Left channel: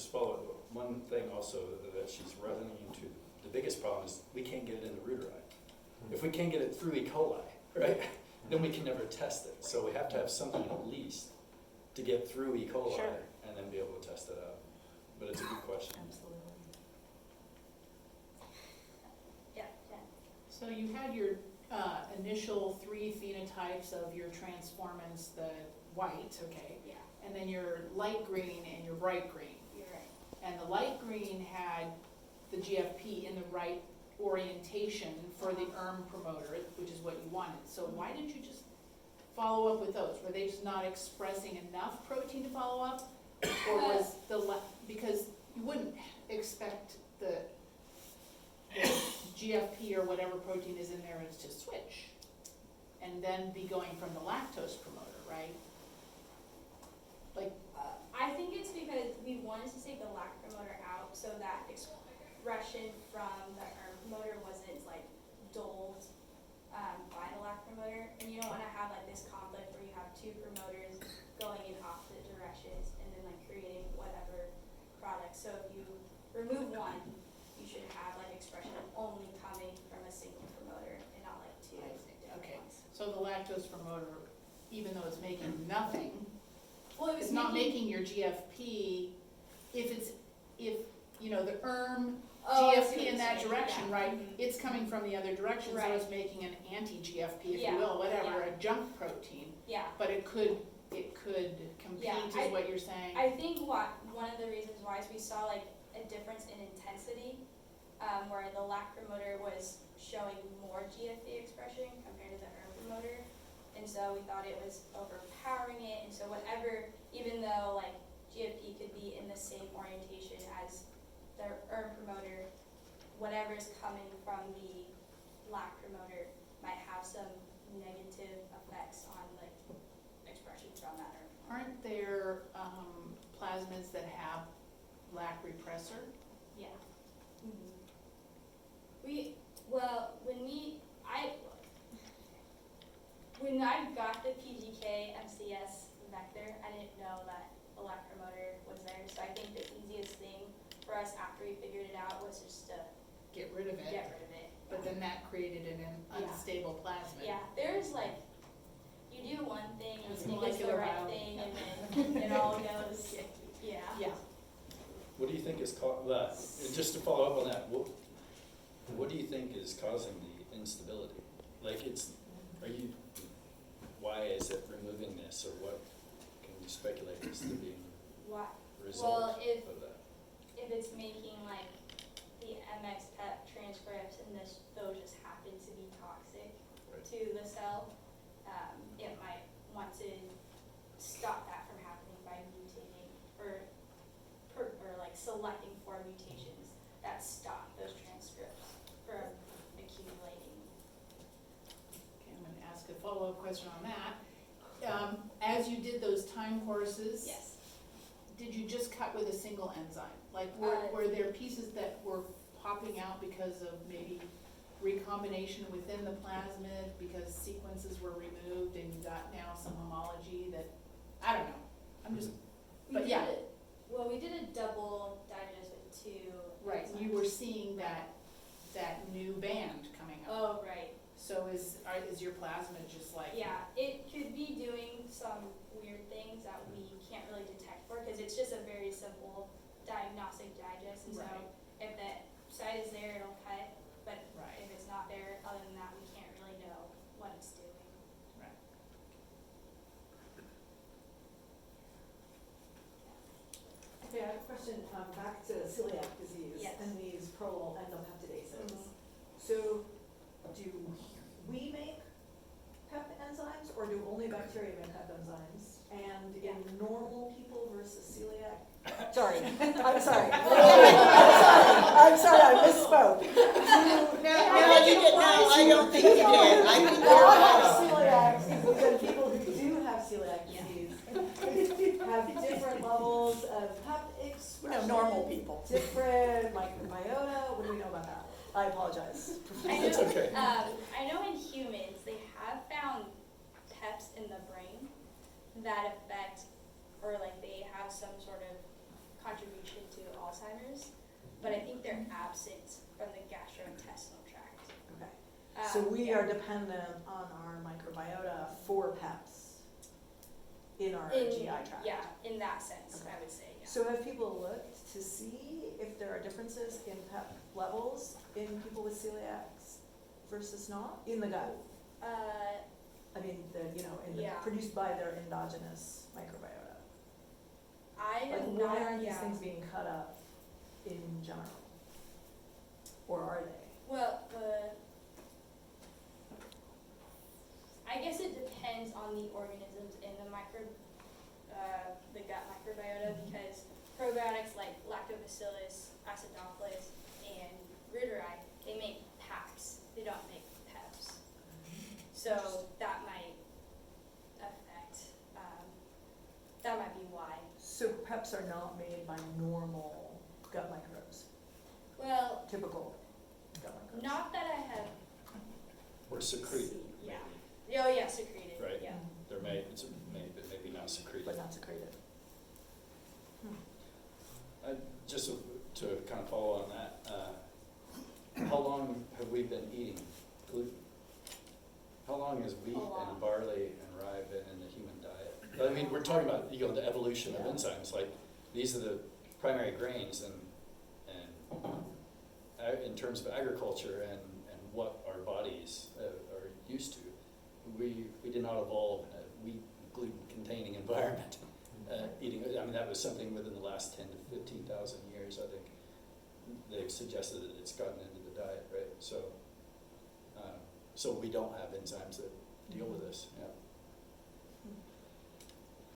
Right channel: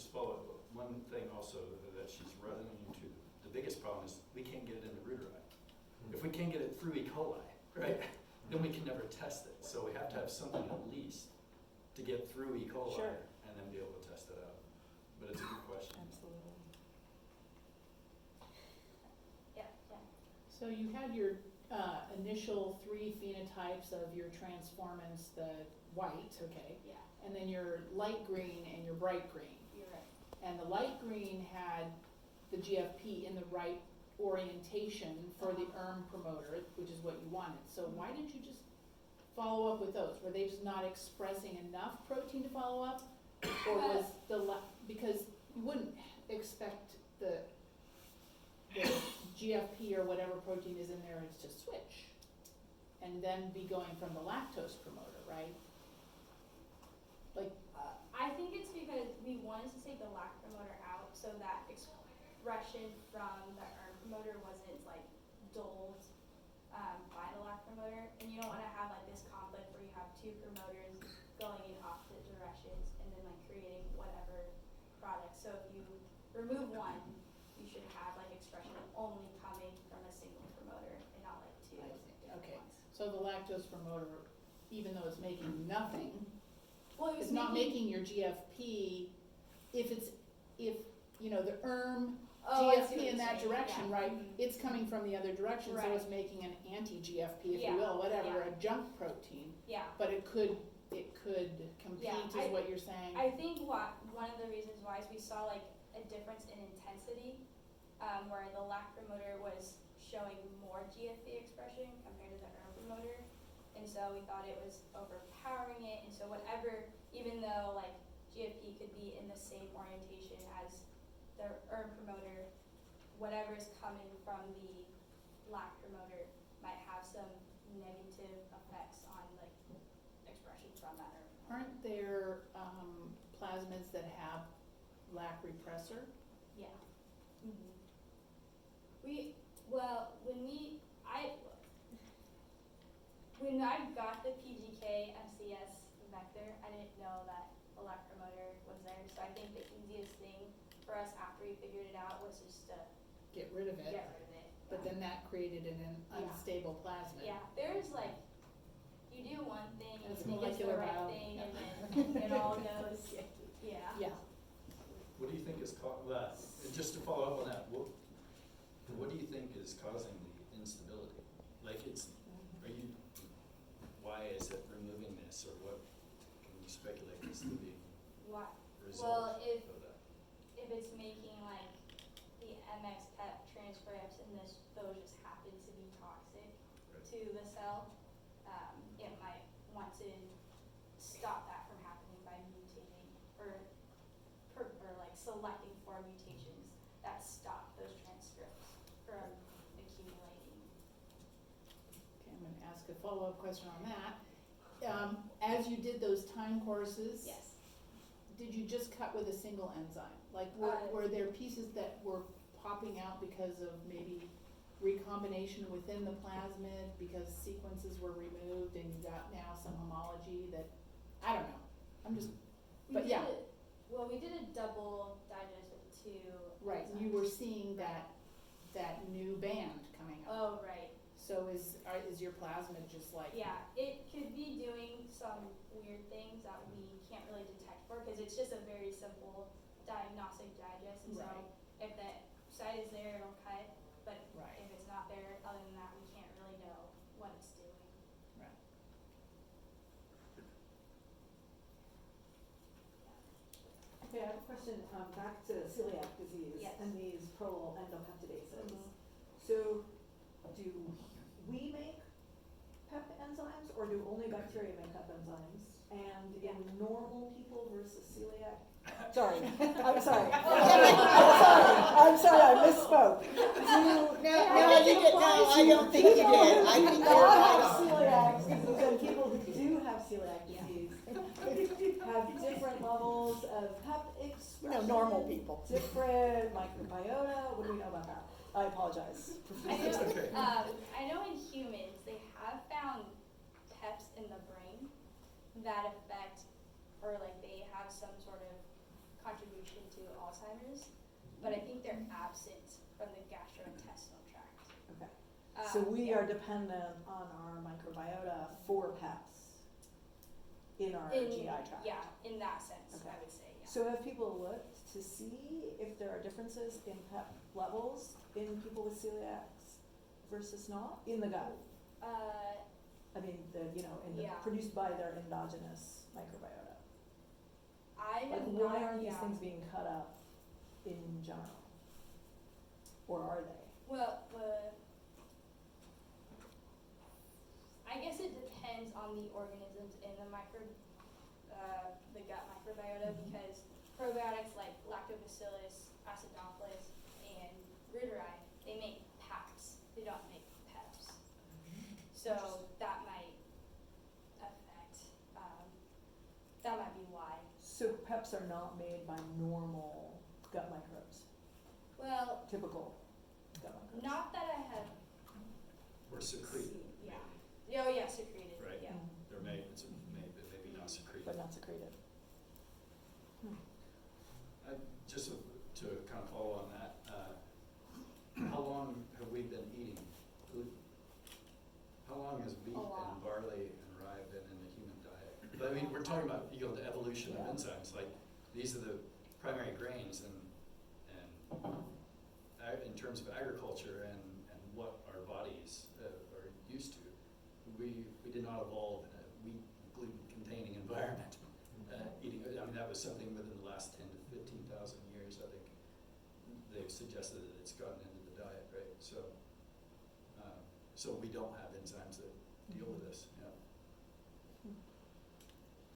just follow up, one thing also that she's running into, the biggest problem is we can't get it in the reader eye. If we can't get it through E. coli, right, then we can never test it. So we have to have something at least to get through E. coli Sure. and then be able to test it out. But it's a good question. Absolutely. Yeah, yeah. So you had your initial 3 phenotypes of your transformants, the white, okay, Yeah, and then your light green and your bright green. you're right. And the light green had the GFP in the right orientation for the ERM promoter, which is what you wanted. So why didn't you just follow up with those? Were they just not expressing enough protein to follow up? Or was because you wouldn't expect the GFP or whatever protein is in there is to switch and then be going from the lactose promoter, right? Like, I think it's because we wanted to take the lac promoter out so that expression from the ERM promoter wasn't like dulled by the lac promoter, and you don't want to have like this conflict where you have 2 promoters going in opposite directions and then like creating whatever product. So if you remove one, you should have like expression only coming from a single promoter and not like 2 different okay, ones. so the lactose promoter, even though it's making nothing, Well, it was it's not making your GFP, if you know, the ERM Oh, I see what GFP in you're that saying, direction, yeah. right? Mhm. It's coming from the other direction, so Right. it's making an anti-GFP, if Yeah, you will, whatever, yeah. a junk protein. Yeah. But it could compete, Yeah, is what you're saying? I think one of the reasons why is we saw like a difference in intensity, where the lac promoter was showing more GFP expression compared to the ERM promoter, and so we thought it was overpowering it, and so whatever, even though like GFP could be in the same orientation as the ERM promoter, whatever is coming from the lac promoter might have some negative effects on like expression from that ERM promoter. Aren't there plasmids that have lac repressor? Yeah. Mm-hmm. When I got the PGK MCS vector, I didn't know that a lac promoter was there. So I think the easiest thing for us after we figured it out was just to Get rid of it. get rid of it. But then that created an Yeah. unstable plasmid. Yeah, there's like, you do one thing and It's you think it's the molecular right biology. thing and then it all goes, yeah. Yeah. What do you think is just to follow up on that, what do you think is causing the instability? Like why is it removing this, or what can you speculate as to being Why? a result Well, if of that? it's making like the MX PEP transcripts and those just happen to be toxic Right. to the cell, it might want to stop that from happening by mutating or like selecting for mutations that stop those transcripts from accumulating. Okay, I'm gonna ask a follow-up question on that. As you did those time courses, Yes. did you just cut with a single enzyme? Like, were there pieces that were popping out because of maybe recombination within the plasmid, because sequences were removed and you got now some homology that, I don't know, I'm just, but yeah. We did a double digest with 2 right, enzymes. you were seeing that new band coming up. Oh, right. So is your plasmid just like? Yeah, it could be doing some weird things that we can't really detect for, because it's just a very simple diagnostic digest, and so Right. if that site is there, it'll cut, but Right. if it's not there, other than that, we can't really know what it's doing. Right. Okay, I have a question, back to celiac disease Yes. and these prolyl endopeptidases. Mhm. So, do we make PEP enzymes, or do only bacteria make PEP enzymes? And in normal people versus celiac? Sorry, I'm sorry. I'm sorry, I misspoke. No, you did, no, I don't think you did. I think A you're lot of right. celiacs, because people who do have celiac disease have different levels of PEP expression. normal people. Different microbiota. What do we know about that? I apologize. I know, It's okay. I know in humans, they have found PEPs in the brain that affect, or like they have some sort of contribution to Alzheimer's, but I think they're absent from the gastrointestinal tract. Okay. So we yeah. are dependent on our microbiota for PEPs in our In, GI tract. yeah, in that sense, Okay. I would say, yeah. So have people looked to see if there are differences in PEP levels in people with celiacs versus not in the gut? I mean, Yeah. produced by their endogenous microbiota. I Like, am why not, aren't these yeah. things being cut up in general? Or are they? Well, I guess it depends on the organisms in the the gut microbiota, Mhm. because probiotics like Lactobacillus, Acidophilus, and Reuteri, they make PAPs. They don't make PEPs. So that might affect. That might be why. So PEPs are not made by normal gut microbes, Well, typical gut microbes. not that I have. Or secreted, Yeah. maybe. Oh yeah, secreted. Right. Yeah. Mhm. They're made, it's made, but maybe not secreted. But not secreted. Just to kind of follow on that, how long have we been eating gluten? How long has wheat A lot. and barley and rye been in the human diet? I mean, we're talking about, the evolution of Yeah. enzymes, like, these are the primary grains and in terms of agriculture and what our bodies are used to. We did not evolve in a wheat gluten-containing environment. Eating, I mean, that was something within the last 10 to 15,000 years, I think. They've suggested that it's gotten into the diet, right? So we don't have enzymes that deal with this.